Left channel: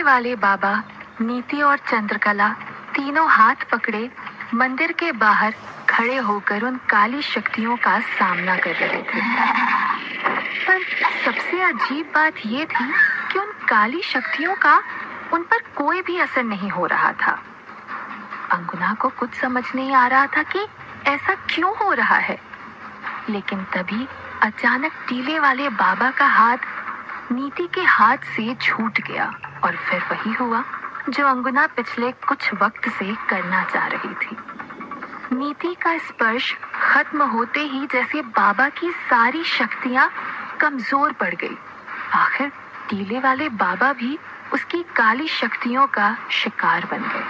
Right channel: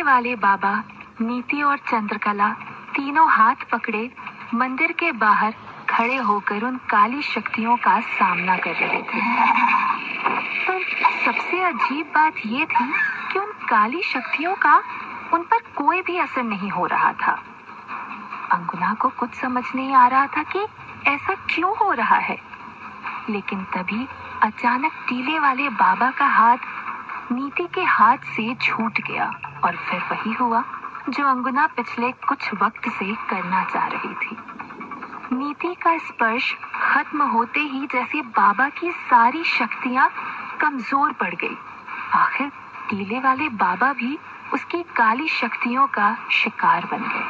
टीले वाले बाबा, नीति और चंद्रकला तीनों हाथ पकड़े मंदिर के बाहर खड़े होकर उन काली शक्तियों का सामना कर रहे थे। पर सबसे अजीब बात ये थी कि उन काली शक्तियों का उन पर कोई भी असर नहीं हो रहा था। अंगुना को कुछ समझ नहीं आ रहा था कि ऐसा क्यों हो रहा है। लेकिन तभी अचानक टीले वाले बाबा का हाथ नीति के हाथ से छूट गया और फिर वही हुआ जो अंगुना पिछले कुछ वक्त से करना चाह रही थी। नीति का स्पर्श खत्म होते ही जैसे बाबा की सारी शक्तियां कमजोर पड़ गई। आखिर टीले वाले बाबा भी उसकी काली शक्तियों का शिकार बन गए।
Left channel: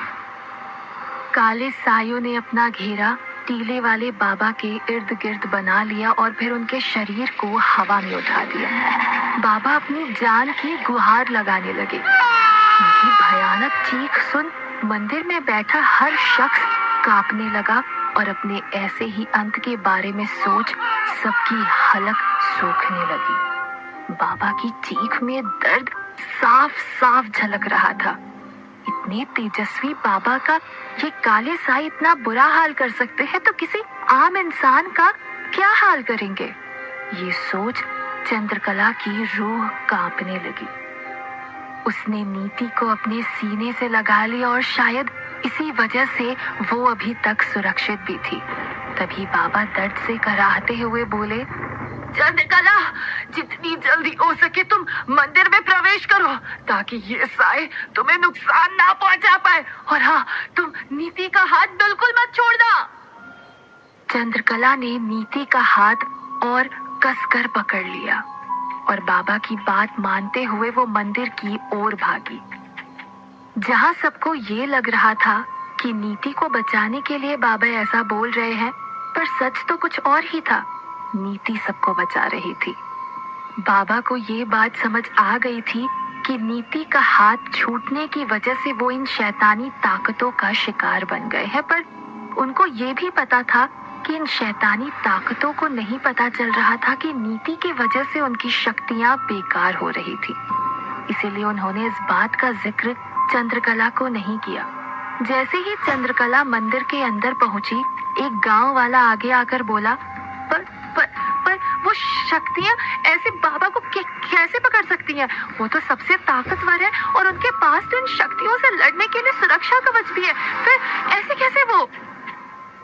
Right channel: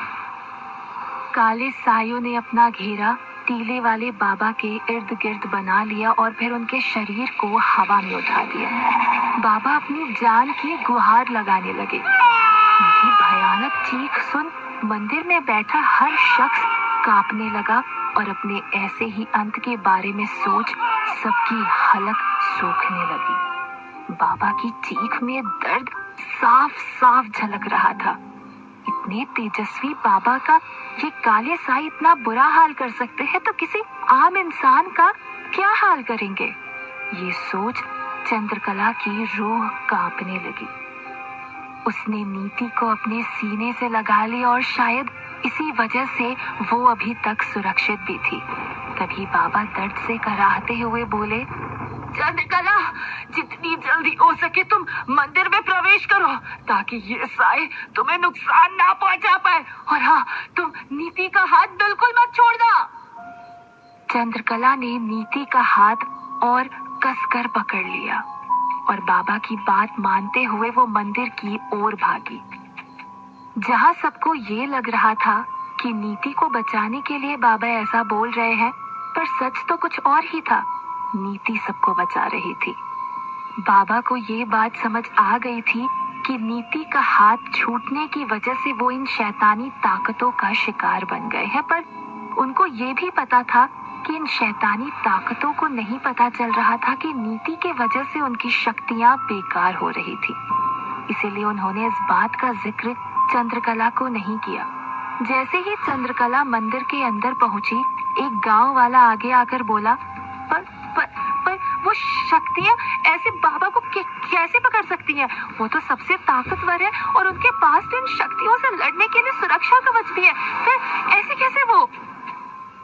काले सायों ने अपना घेरा टीले वाले बाबा के इर्द गिर्द बना लिया और फिर उनके शरीर को हवा में उठा दिया। बाबा अपनी जान की गुहार लगाने लगे। उनकी भयानक चीख सुन मंदिर में बैठा हर शख्स कांपने लगा और अपने ऐसे ही अंत के बारे में सोच सबकी हलक सूखने लगी। बाबा की चीख में दर्द साफ साफ झलक रहा था। इतने तेजस्वी बाबा का ये काले साई इतना बुरा हाल कर सकते हैं तो किसी आम इंसान का क्या हाल करेंगे। ये सोच चंद्रकला की रूह कांपने लगी। उसने नीति को अपने सीने से लगा लिया और शायद इसी वजह से वो अभी तक सुरक्षित भी थी। तभी बाबा दर्द से कराहते हुए बोले, चंद्रकला, जितनी जल्दी हो सके तुम मंदिर में प्रवेश करो ताकि ये साए तुम्हें नुकसान ना पहुंचा पाए। और हाँ, तुम नीति का हाथ बिल्कुल मत छोड़ना। चंद्रकला ने नीति का हाथ और कसकर पकड़ लिया और बाबा की बात मानते हुए वो मंदिर की ओर भागी। जहाँ सबको ये लग रहा था कि नीति को बचाने के लिए बाबा ऐसा बोल रहे हैं, पर सच तो कुछ और ही था। नीति सबको बचा रही थी। बाबा को ये बात समझ आ गई थी कि नीति का हाथ छूटने की वजह से वो इन शैतानी ताकतों का शिकार बन गए हैं, पर उनको ये भी पता था कि इन शैतानी ताकतों को नहीं पता चल रहा था कि नीति के वजह से उनकी शक्तियां बेकार हो रही थी। इसीलिए उन्होंने इस बात का जिक्र चंद्रकला को नहीं किया। जैसे ही चंद्रकला मंदिर के अंदर पहुंची, एक गांव वाला आगे आकर बोला, पर वो शक्तियां ऐसे बाबा को कैसे पकड़ सकती हैं? वो तो सबसे ताकतवर है और उनके पास तो इन शक्तियों से लड़ने के लिए सुरक्षा कवच भी है। फिर ऐसे कैसे वो?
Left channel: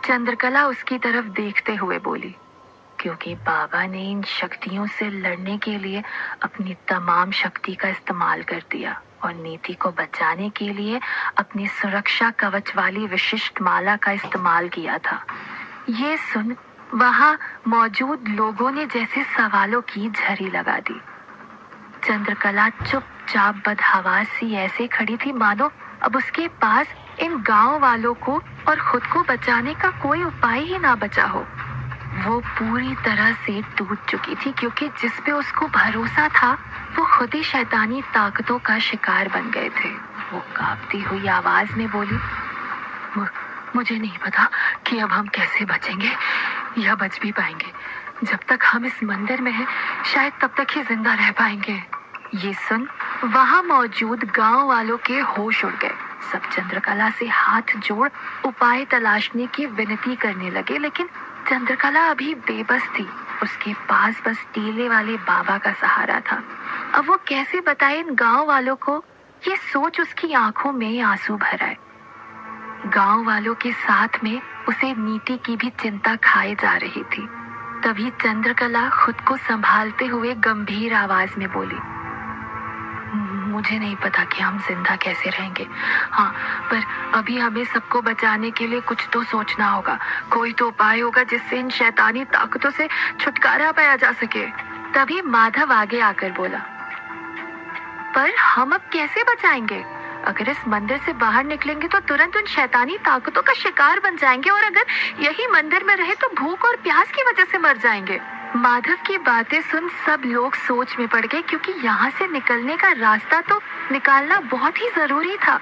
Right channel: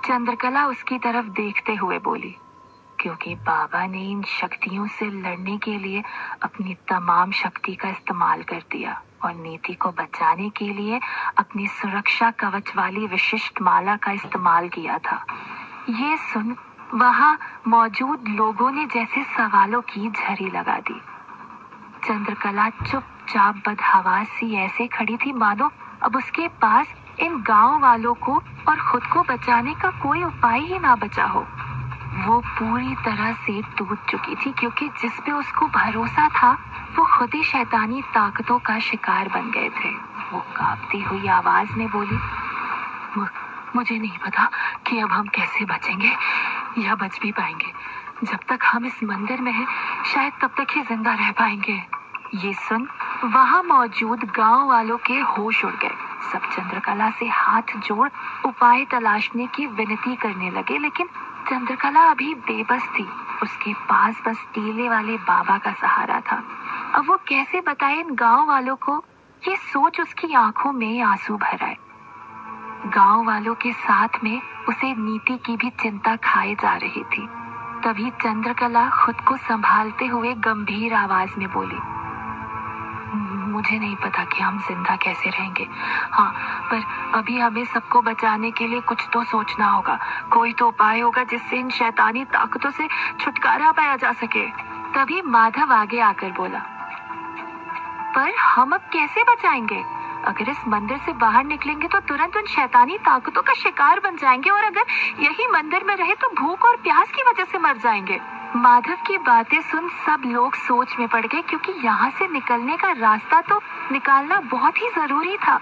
चंद्रकला उसकी तरफ देखते हुए बोली, क्योंकि बाबा ने इन शक्तियों से लड़ने के लिए अपनी तमाम शक्ति का इस्तेमाल कर दिया और नीति को बचाने के लिए अपनी सुरक्षा कवच वाली विशिष्ट माला का इस्तेमाल किया था। ये सुन वहां मौजूद लोगों ने जैसे सवालों की झड़ी लगा दी। चंद्रकला चुपचाप बदहवास सी ऐसे खड़ी थी मानो अब उसके पास इन गांव वालों को और खुद को बचाने का कोई उपाय ही ना बचा हो। वो पूरी तरह से टूट चुकी थी, क्योंकि जिस पे उसको भरोसा था वो खुद ही शैतानी ताकतों का शिकार बन गए थे। वो कांपती हुई आवाज में बोली, मुझे नहीं पता कि अब हम कैसे बचेंगे या बच भी पाएंगे। जब तक हम इस मंदिर में हैं, शायद तब तक ही जिंदा रह पाएंगे। ये सुन वहां मौजूद गांव वालों के होश उड़ गए। सब चंद्रकला से हाथ जोड़ उपाय तलाशने की विनती करने लगे, लेकिन चंद्रकला अभी बेबस थी। उसके पास बस टीले वाले बाबा का सहारा था। अब वो कैसे बताए इन गांव वालों को? ये सोच उसकी आंखों में आंसू भर आए। गांव वालों के साथ में उसे नीति की भी चिंता खाए जा रही थी। तभी चंद्रकला खुद को संभालते हुए गंभीर आवाज में बोली, मुझे नहीं पता कि हम जिंदा कैसे रहेंगे। हाँ, पर अभी हमें सबको बचाने के लिए कुछ तो सोचना होगा। कोई तो उपाय होगा जिससे इन शैतानी ताकतों से छुटकारा पाया जा सके। तभी माधव आगे आकर बोला, पर हम अब कैसे बचाएंगे? अगर इस मंदिर से बाहर निकलेंगे तो तुरंत उन शैतानी ताकतों का शिकार बन जाएंगे, और अगर यही मंदिर में रहे तो भूख और प्यास की वजह से मर जाएंगे। माधव की बातें सुन सब लोग सोच में पड़ गए, क्योंकि यहाँ से निकलने का रास्ता तो निकालना बहुत ही जरूरी था।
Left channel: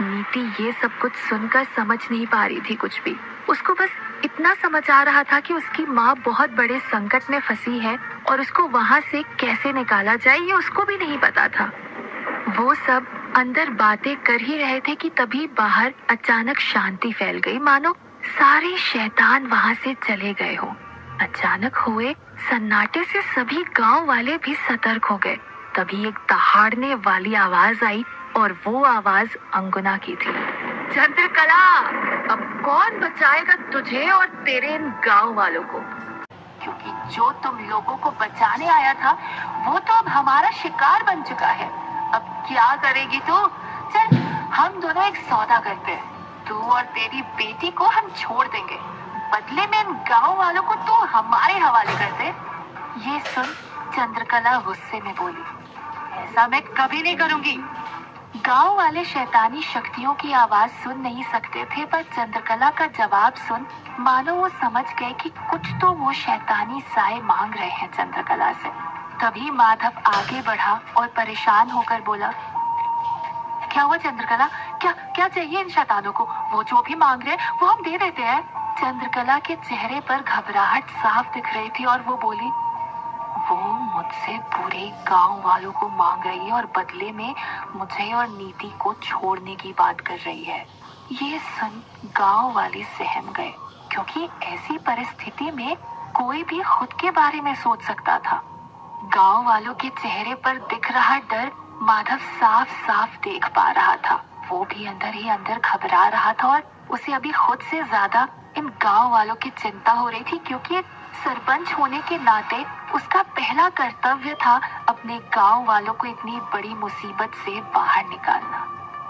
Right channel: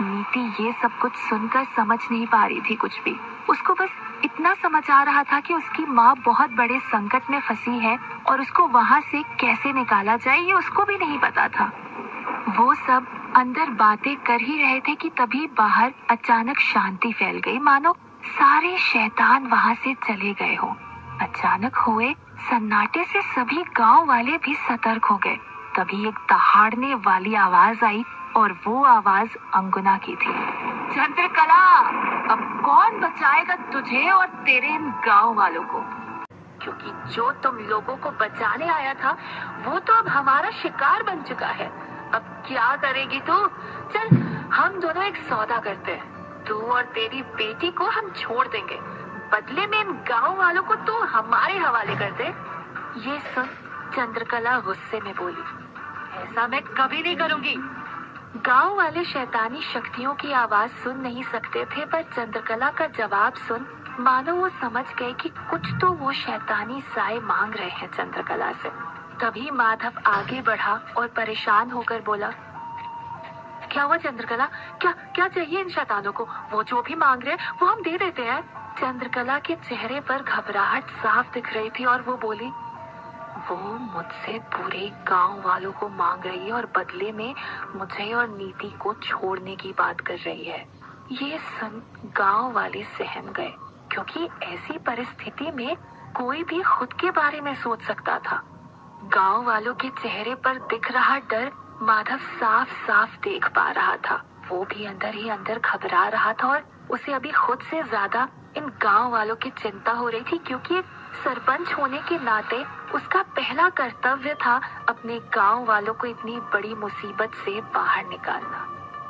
नीति ये सब कुछ सुनकर समझ नहीं पा रही थी कुछ भी। उसको बस इतना समझ आ रहा था कि उसकी माँ बहुत बड़े संकट में फंसी है और उसको वहाँ से कैसे निकाला जाए ये उसको भी नहीं पता था। वो सब अंदर बातें कर ही रहे थे कि तभी बाहर अचानक शांति फैल गई, मानो सारे शैतान वहां से चले गए हो। अचानक हुए सन्नाटे से सभी गांव वाले भी सतर्क हो गए। तभी एक दहाड़ने वाली आवाज आई और वो आवाज अंगुना की थी। चंद्रकला, अब कौन बचाएगा तुझे और तेरे इन गांव वालों को? क्योंकि जो तुम लोगों को बचाने आया था वो तो अब हमारा शिकार बन चुका है। अब क्या करेगी तू? चल हम दोनों एक सौदा करते हैं। तू और तेरी बेटी को हम छोड़ देंगे, बदले में इन गांव वालों को तो हमारे हवाले कर दे। ये सुन चंद्रकला गुस्से में बोली, ऐसा मैं कभी नहीं करूंगी। गांव वाले शैतानी शक्तियों की आवाज सुन नहीं सकते थे, पर चंद्रकला का जवाब सुन मानो वो समझ गए कि कुछ तो वो शैतानी साए मांग रहे हैं चंद्रकला से। तभी माधव आगे बढ़ा और परेशान होकर बोला, क्या हुआ चंद्रकला? क्या क्या चाहिए इन शैतानों को? वो जो भी मांग रहे हैं वो हम दे देते हैं। चंद्रकला के चेहरे पर घबराहट साफ दिख रही थी और वो बोली, वो मुझसे पूरे गांव वालों को मांग रही है और बदले में मुझे और नीति को छोड़ने की बात कर रही है। ये सुन गांव वाले सहम गए, क्योंकि ऐसी परिस्थिति में कोई भी खुद के बारे में सोच सकता था। गांव वालों के चेहरे पर दिख रहा डर माधव साफ साफ देख पा रहा था। वो भी अंदर ही अंदर घबरा रहा था और उसे अभी खुद से ज्यादा इन गांव वालों की चिंता हो रही थी, क्योंकि सरपंच होने के नाते उसका पहला कर्तव्य था अपने गांव वालों को इतनी बड़ी मुसीबत से बाहर निकालना।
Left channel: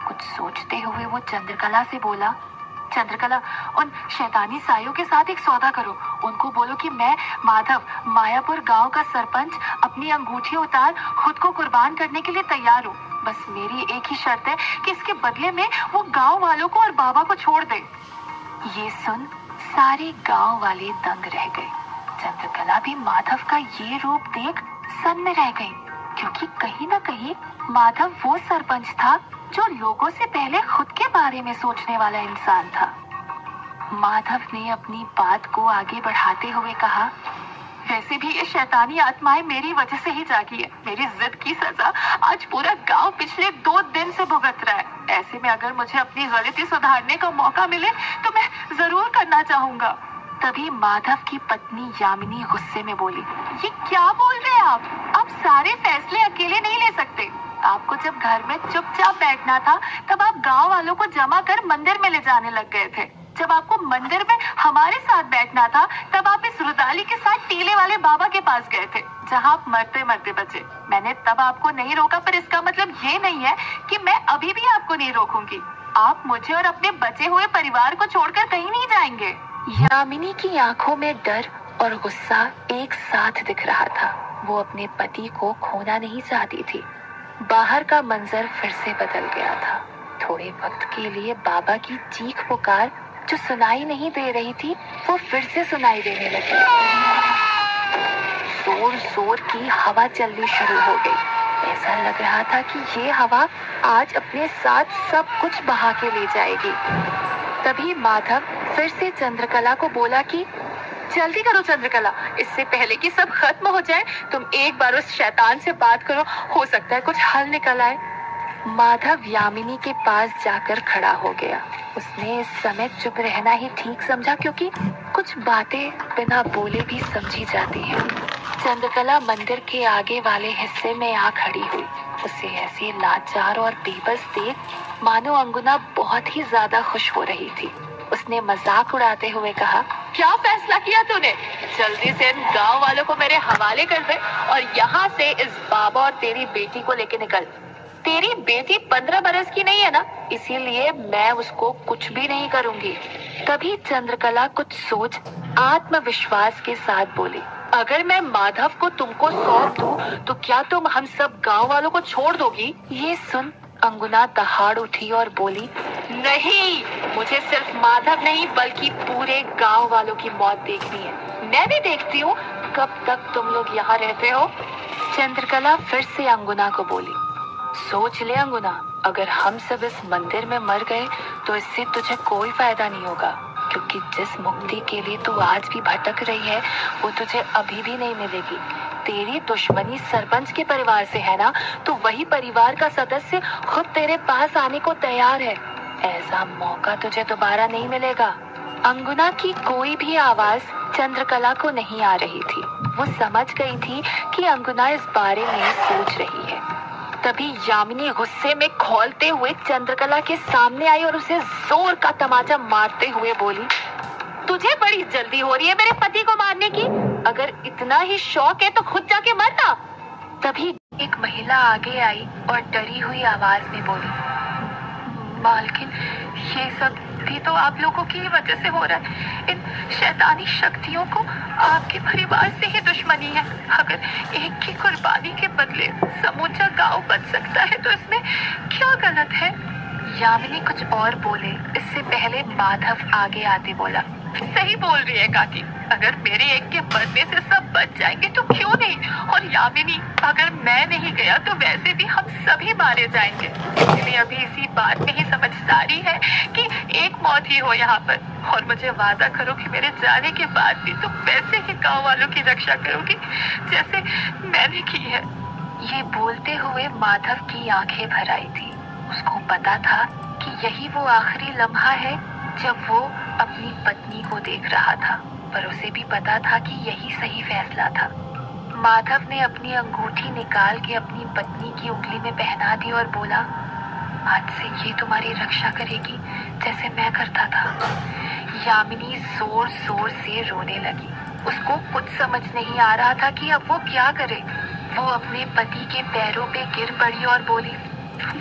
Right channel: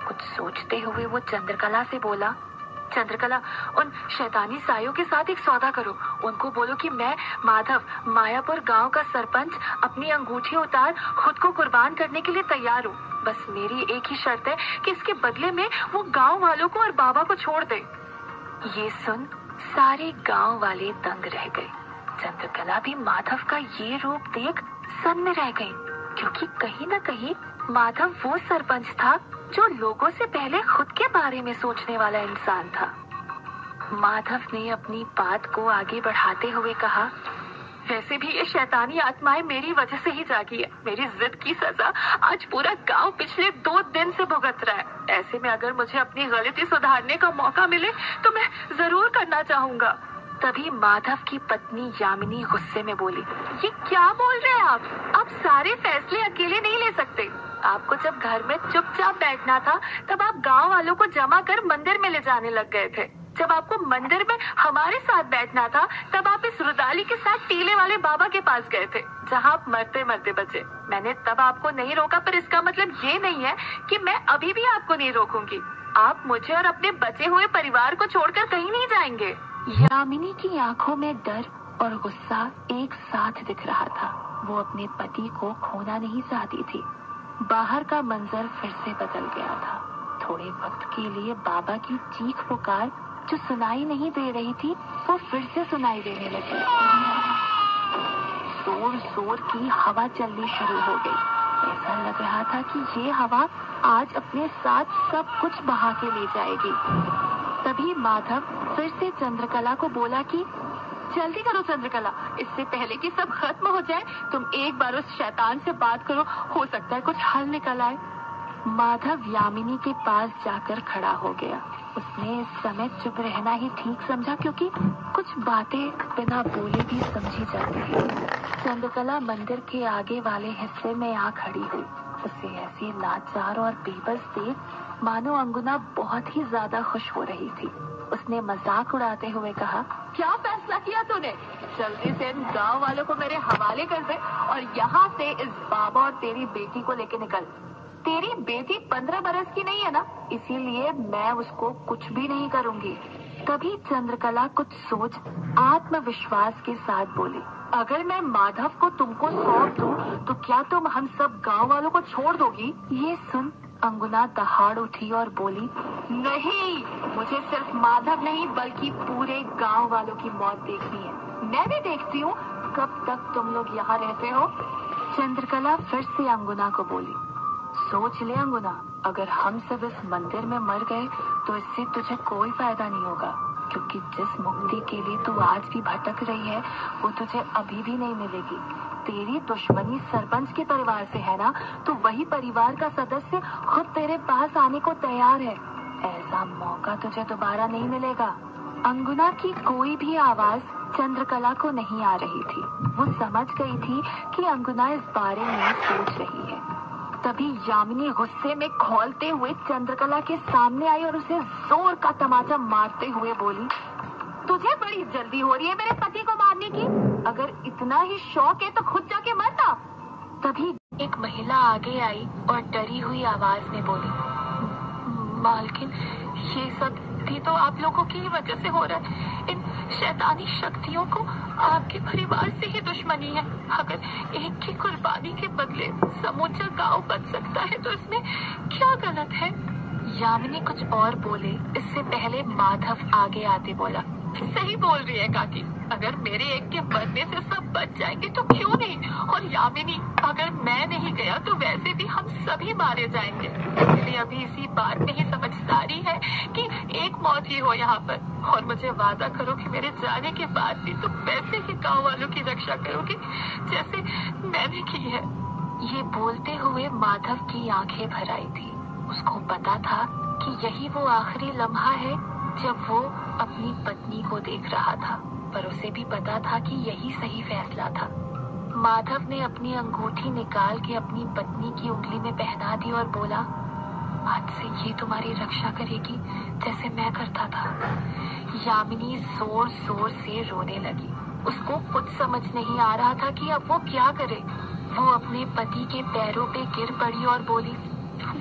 कुछ सोचते हुए वो चंद्रकला से बोला, चंद्रकला, उन शैतानी सायों के साथ एक सौदा करो। उनको बोलो कि मैं माधव, मायापुर गांव का सरपंच, अपनी अंगूठी उतार खुद को कुर्बान करने के लिए तैयार हूँ। बस मेरी एक ही शर्त है कि इसके बदले में वो गांव वालों को और बाबा को छोड़ दे। ये सुन सारे गांव वाले दंग रह गए। चंद्रकला भी माधव का ये रूप देख सन्न रह गई, क्योंकि कहीं न कहीं माधव वो सरपंच था जो लोगों से पहले खुद के बारे में सोचने वाला इंसान था। माधव ने अपनी बात को आगे बढ़ाते हुए कहा, वैसे भी ये शैतानी आत्माएं मेरी वजह से ही जागी है। मेरी जिद की सजा आज पूरा गांव पिछले 2 दिन से भुगत रहा है। ऐसे में अगर मुझे अपनी गलती सुधारने का मौका मिले तो मैं जरूर करना चाहूंगा। तभी माधव की पत्नी यामिनी गुस्से में बोली, ये क्या बोल रहे हैं आप सारे फैसले अकेले नहीं ले सकते। आपको जब घर में चुपचाप बैठना था तब आप गांव वालों को जमा कर मंदिर में ले जाने लग गए थे। जब आपको मंदिर में हमारे साथ बैठना था तब आप इस रुदाली के साथ टीले वाले बाबा के पास गए थे, जहां आप मरते मरते बचे। मैंने तब आपको नहीं रोका, पर इसका मतलब ये नहीं है कि मैं अभी भी आपको नहीं रोकूंगी। आप मुझे और अपने बचे हुए परिवार को छोड़कर कहीं नहीं जाएंगे। यामिनी की आंखों में डर और गुस्सा एक साथ दिख रहा था। वो अपने पति को खोना नहीं चाहती थी। बाहर का मंजर फिर से बदल गया था। थोड़े वक्त के लिए बाबा की चीख पुकार जो सुनाई नहीं दे रही थी वो फिर से सुनाई देने लगी। जोर जोर की हवा चलनी शुरू हो गई। ऐसा लग रहा था कि ये हवा आज अपने साथ सब कुछ बहा के ले जाएगी। तभी माधव फिर से चंद्रकला को बोला कि जल्दी करो चंद्रकला, इससे पहले कि सब खत्म हो जाए तुम एक बार उस शैतान से बात करो, हो सकता है कुछ हल निकल आए। माधव यामिनी के पास जाकर खड़ा हो गया। उसने इस समय चुप रहना ही ठीक समझा, क्योंकि कुछ बातें बिना बोले भी समझी जाती हैं। चंद्रकला मंदिर के आगे वाले हिस्से में आ खड़ी हुई। उसे ऐसी लाचार और बेबस देख मानो अंगुना बहुत ही ज्यादा खुश हो रही थी। उसने मजाक उड़ाते हुए कहा, क्या फैसला किया तूने? जल्दी से इन गांव वालों को मेरे हवाले कर दे और यहाँ से इस बाबा और तेरी बेटी को लेके निकल। तेरी बेटी 15 बरस की नहीं है ना, इसीलिए मैं उसको कुछ भी नहीं करूंगी। तभी चंद्रकला कुछ सोच आत्मविश्वास के साथ बोली, अगर मैं माधव को तुमको सौंप दूं तो क्या तुम हम सब गांव वालों को छोड़ दोगी? ये सुन अंगुना दहाड़ उठी और बोली, नहीं, मुझे सिर्फ माधव नहीं बल्कि पूरे गांव वालों की मौत देखनी है। मैं भी देखती हूँ कब तक तुम लोग यहाँ रहते हो। चंद्रकला फिर से अंगुना को बोली, सोच ले अंगुना, अगर हम सब इस मंदिर में मर गए तो इससे तुझे कोई फायदा नहीं होगा, क्योंकि जिस मुक्ति के लिए तू आज भी भटक रही है वो तुझे अभी भी नहीं मिलेगी। तेरी दुश्मनी सरपंच के परिवार से है ना, तो वही परिवार का सदस्य खुद तेरे पास आने को तैयार है। ऐसा मौका तुझे दोबारा नहीं मिलेगा। अंगुना की कोई भी आवाज चंद्रकला को नहीं आ रही थी। वो समझ गई थी कि अंगुना इस बारे में सोच रही है। तभी यामिनी गुस्से में खौलते हुए चंद्रकला के सामने आई और उसे जोर का तमाचा मारते हुए बोली, तुझे बड़ी जल्दी हो रही है मेरे पति को मारने की। अगर इतना ही शौक है तो खुद जाके मरना। तभी एक महिला आगे आई और डरी हुई आवाज में बोली, मालकिन, ये सब भी तो आप लोगों की वजह से हो रहा है। इन शैतानी शक्तियों को आपके परिवार से ही दुश्मनी है। अगर एक की कुर्बानी के बदले समूचा गांव बच सकता है तो इसमें क्या गलत है। यामिनी कुछ और बोले इससे पहले माधव आगे आते बोला, सही बोल रही है काकी। अगर मेरे एक के मरने से सब बच जाएंगे तो क्यों नहीं। और यामिनी, अगर मैं नहीं गया तो वैसे भी हम सभी मारे जाएंगे। इसलिए अभी इसी बात में ही समझदारी है कि एक मौत ही हो यहाँ पर। और मुझे वादा करो कि मेरे जाने के बाद भी तुम वैसे ही गाँव वालों की रक्षा करोगी जैसे मैंने की है। ये बोलते हुए माधव की आंखें भर आई थी। उसको पता था कि यही वो आखिरी लम्हा है जब वो अपनी पत्नी को देख रहा था, पर उसे भी पता था कि यही सही फैसला था। माधव ने अपनी अंगूठी निकाल के अपनी पत्नी की उंगली में पहना दी और बोला, आज से ये तुम्हारी रक्षा करेगी जैसे मैं करता था। यामिनी जोर जोर से रोने लगी। उसको कुछ समझ नहीं आ रहा था कि अब वो क्या करे। वो अपने पति के पैरों पे गिर पड़ी और बोली,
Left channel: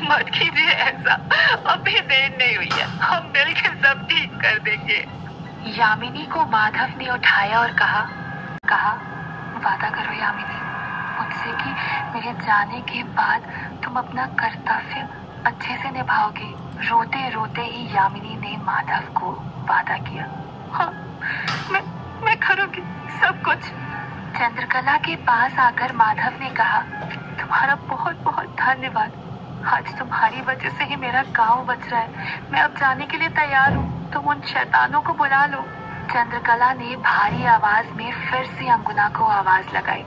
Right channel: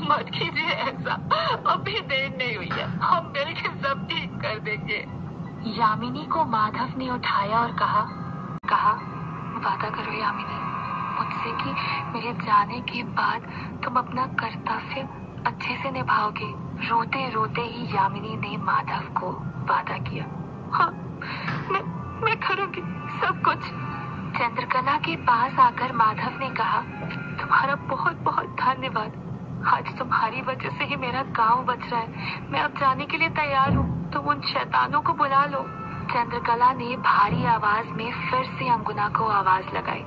मत कीजिए ऐसा, अभी देर नहीं हुई है, हम मिलकर सब ठीक कर देंगे। यामिनी को माधव ने उठाया और कहा, वादा करो यामिनी मुझसे कि मेरे जाने के बाद तुम अपना कर्तव्य अच्छे से निभाओगे। रोते रोते ही यामिनी ने माधव को वादा किया, हाँ मैं करूंगी सब कुछ। चंद्रकला के पास आकर माधव ने कहा, तुम्हारा बहुत बहुत धन्यवाद। आज तुम्हारी वजह से ही मेरा गांव बच रहा है। मैं अब जाने के लिए तैयार हूँ, तुम उन शैतानों को बुला लो। चंद्रकला ने भारी आवाज में फिर से अंगुना को आवाज लगाई,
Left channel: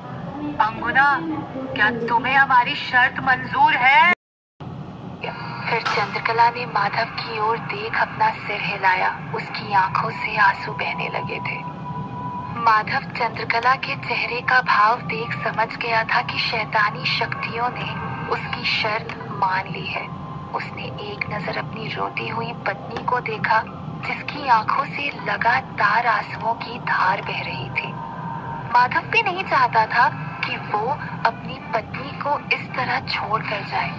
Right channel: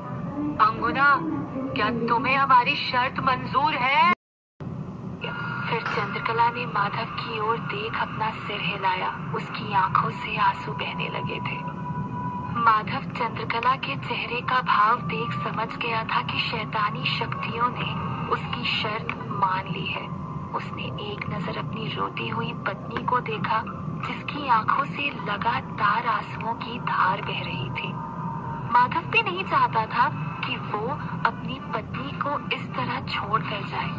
अंगुना, क्या तुम्हें हमारी शर्त मंजूर है? फिर चंद्रकला ने माधव की ओर देख अपना सिर हिलाया। उसकी आंखों से आंसू बहने लगे थे। माधव चंद्रकला के चेहरे का भाव देख समझ गया था कि शैतानी शक्तियों ने उसकी शर्त मान ली है। उसने एक नजर अपनी रोती हुई पत्नी को देखा जिसकी आंखों से लगातार आंसुओं की धार बह रही थी। माधव भी नहीं चाहता था कि वो अपनी पत्नी को इस तरह छोड़ कर जाए,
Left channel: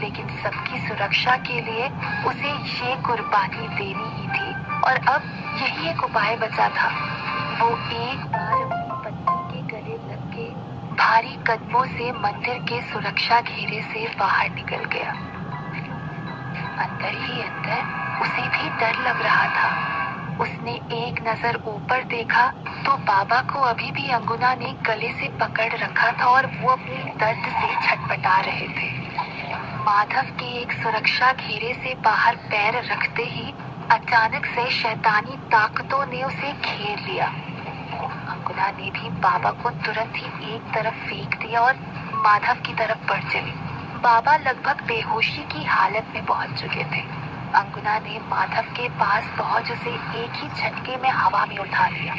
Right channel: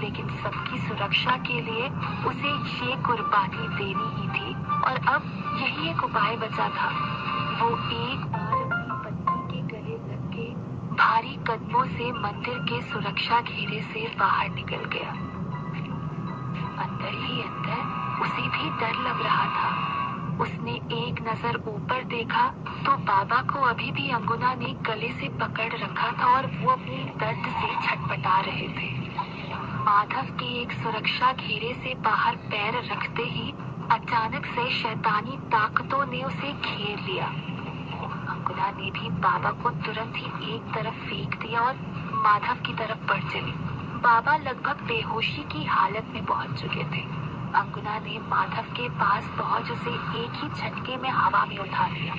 लेकिन सबकी सुरक्षा के लिए उसे ये कुर्बानी देनी ही थी और अब यही एक उपाय बचा था। वो एक बार अपनी पत्नी के गले लग के भारी कदमों से मंदिर के सुरक्षा घेरे से बाहर निकल गया। अंदर ही अंदर उसे भी डर लग रहा था। उसने एक नजर ऊपर देखा तो बाबा को अभी भी अंगुना ने गले से पकड़ रखा था और वो अपनी दर्द से छटपटा रहे थे। माधव के एक सुरक्षा घेरे से बाहर पैर रखते ही अचानक से शैतानी ताकतों ने उसे घेर लिया। अंगुना ने भी बाबा को तुरंत ही एक तरफ फेंक दिया और माधव की तरफ बढ़ चली। बाबा लगभग बेहोशी की हालत में पहुंच चुके थे। अंगुना ने माधव के पास पहुंच उसे एक ही झटके में हवा में उठा लिया।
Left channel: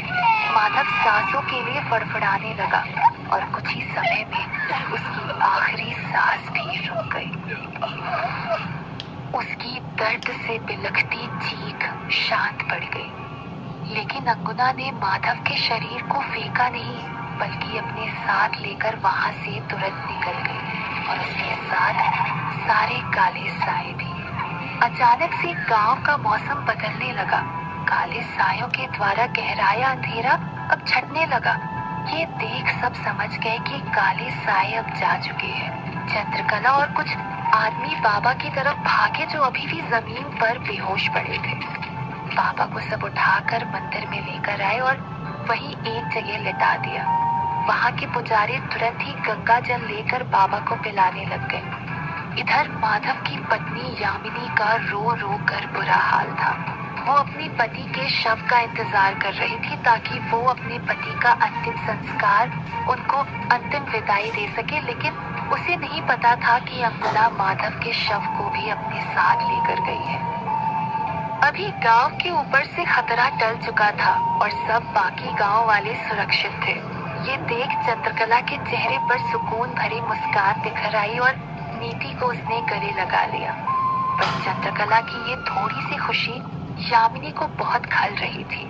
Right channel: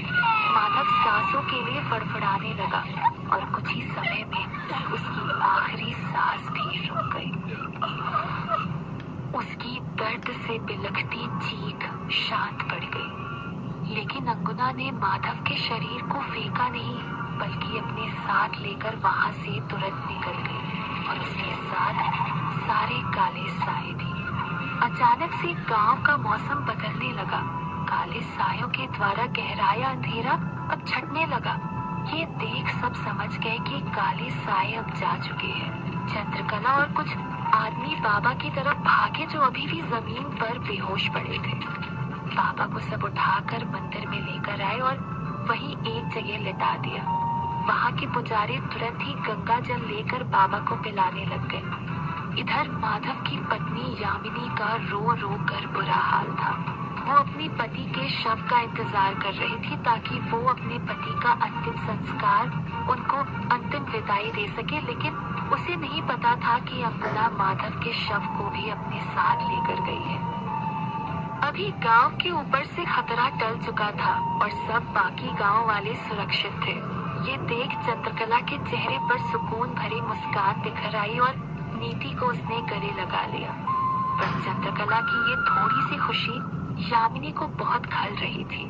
माधव सांसों के लिए फड़फड़ाने लगा और कुछ ही समय में उसकी आखिरी सांस भी रुक गई। उसकी दर्द से बिलखती चीख शांत पड़ गई, लेकिन अंगुना ने माधव के शरीर को फेंका नहीं, बल्कि अपने साथ लेकर वहां से तुरंत निकल गई और उसके साथ सारे काले साए भी। अचानक से गांव का मौसम बदलने लगा। काले सायों के द्वारा गहराया अंधेरा अब छटने लगा। ये देख सब समझ गए कि काले साए अब जा चुके हैं। चंद्रकला और कुछ आदमी बाबा की तरफ भागे जो अभी भी जमीन पर बेहोश पड़े थे। बाबा को सब उठाकर मंदिर में लेकर आए और वहीं एक जगह लिटा दिया। वहां के पुजारी तुरंत ही गंगा जल लेकर बाबा को पिलाने लग गए। इधर माधव की पत्नी यामिनी का रो रो कर बुरा हाल था। वो अपने पति के शव का इंतजार कर रही थी ताकि वो अपने पति का अंतिम संस्कार, उनको अंतिम विदाई दे सके, लेकिन उसे नहीं पता था कि अंगुला माधव के शव को भी अपने साथ लेकर गई है। अभी गांव के ऊपर से खतरा टल चुका था और सब बाकी गांव वाले सुरक्षित थे। ये देख चंद्रकला के चेहरे पर सुकून भरी मुस्कान बिखर आई और नीति को उसने गले लगा लिया। पर चंद्रकला की ये थोड़ी सी खुशी यामिनी को बहुत खल रही थी।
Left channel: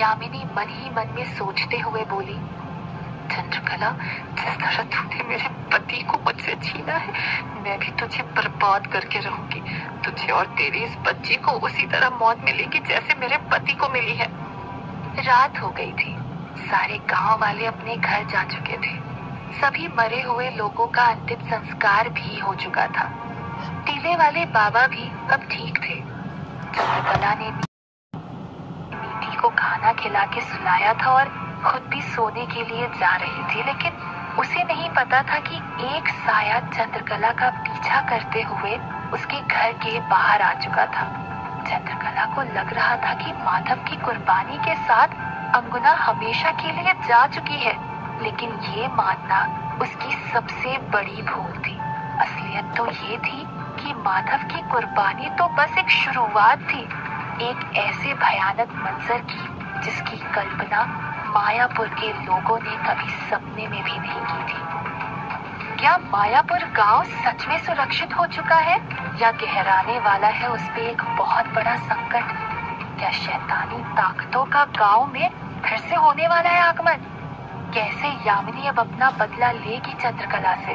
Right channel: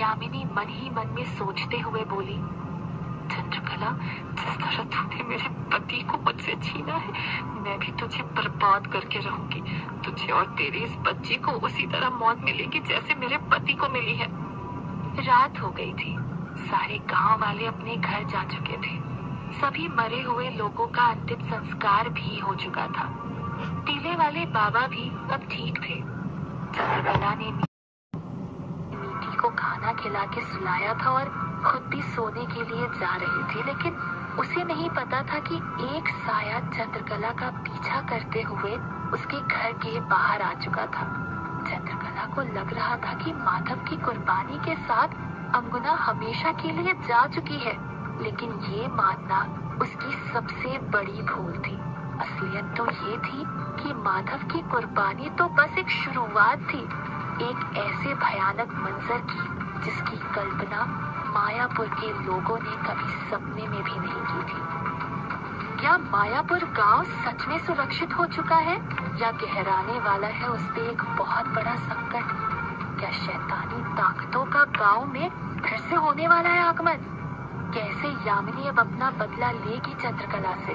यामिनी मन ही मन में सोचते हुए बोली, चंद्रकला, जिस तरह तूने मेरे पति को मुझसे छीना है, मैं भी तुझे बर्बाद करके रहूंगी। तुझे और तेरी इस बच्ची को उसी तरह मौत मिलेगी जैसे मेरे पति को मिली है। रात हो गई थी। सारे गांव वाले अपने घर जा चुके थे। सभी मरे हुए लोगों का अंतिम संस्कार भी हो चुका था। टीले वाले बाबा भी अब ठीक थे। चंद्रकला ने नीति को खाना खिला के सुलाया था और खुद भी सोने के लिए जा रही थी, लेकिन उसे नहीं पता था कि एक साया चंद्रकला का पीछा करते हुए उसके घर के बाहर आ चुका था। चंद्रकला को लग रहा था कि माधव की कुर्बानी के साथ अंगुना हमेशा के लिए जा चुकी है, लेकिन ये मानना उसकी सबसे बड़ी भूल थी। असलियत तो ये थी कि माधव की कुर्बानी तो बस एक शुरुआत थी, एक ऐसे भयानक मंजर की जिसकी कल्पना मायापुर के लोगों ने कभी सपने में भी नहीं की थी। क्या मायापुर गांव सच में सुरक्षित हो चुका है या गहराने वाला है उस पे एक बहुत बड़ा संकट? क्या शैतानी ताकतों का गांव में फिर से होने वाला है आगमन? कैसे यामिनी अब अपना बदला लेगी चंद्रकला से?